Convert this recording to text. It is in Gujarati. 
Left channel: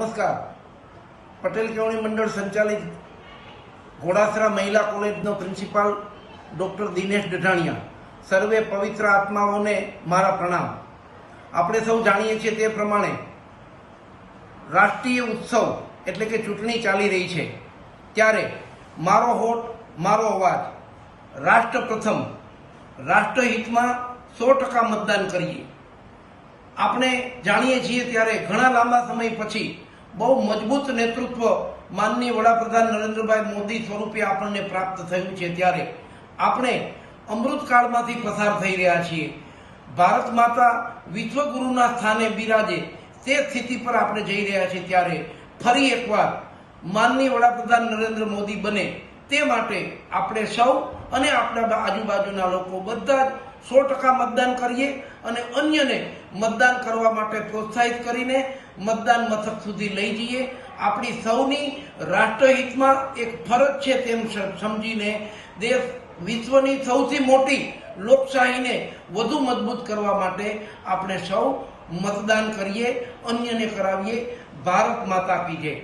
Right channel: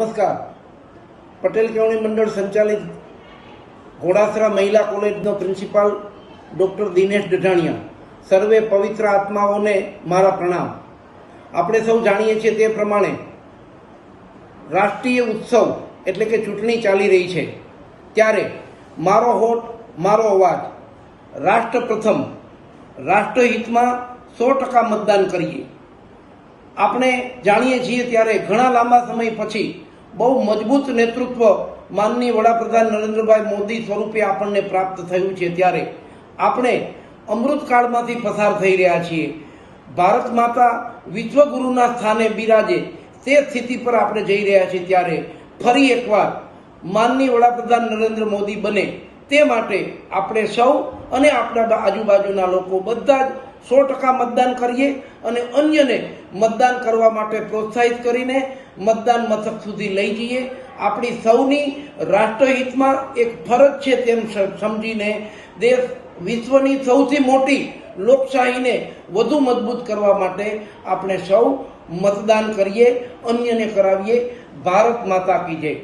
નમસ્કાર. પટેલ કેળવણી મંડળ સંચાલિત ઘોડાસરા મહિલા કોલેજનો પ્રિન્સિપાલ ડોક્ટર દિનેશ ડઢાણિયા. સર્વે પવિત્ર આત્માઓને મારા પ્રણામ. આપણે સૌ જાણીએ છીએ તે પ્રમાણે રાષ્ટ્રીય ઉત્સવ એટલે કે ચૂંટણી ચાલી રહી છે. ત્યારે મારો હોટ મારો અવાજ રાષ્ટ્ર પ્રથમ રાષ્ટ્રહિતમાં સો ટકા મતદાન કરીએ. આપણે જાણીએ છીએ ત્યારે ઘણા લાંબા સમય પછી બહુ મજબૂત નેતૃત્વ માનનીય વડાપ્રધાન નરેન્દ્રભાઈ મોદી સ્વરૂપે આપણને પ્રાપ્ત થયું છે ત્યારે આપણે અમૃતકાળમાંથી પસાર થઈ રહ્યા છીએ. ભારત માતા વિશ્વગુરુના સ્થાને બિરાજે તે સ્થિતિ પર આપણે જઈ રહ્યા છીએ ત્યારે ફરી એકવાર માનનીય વડાપ્રધાન નરેન્દ્ર મોદી બને તે માટે આપણે સૌ અને આપણા આજુબાજુના લોકો બધા જ સો ટકા મતદાન કરીએ અને અન્યને મતદાન કરવા માટે પ્રોત્સાહિત કરીને મતદાન મથક સુધી લઈ જઈએ. આપણી સૌની રાષ્ટ્રહિતમાં એક ફરજ છે તેમ સમજીને દેશ વિશ્વની સૌથી મોટી લોકશાહીને વધુ મજબૂત કરવા માટે આપણે સૌ મતદાન કરીએ, અન્યને કરાવીએ. ભારત માતા કી જય.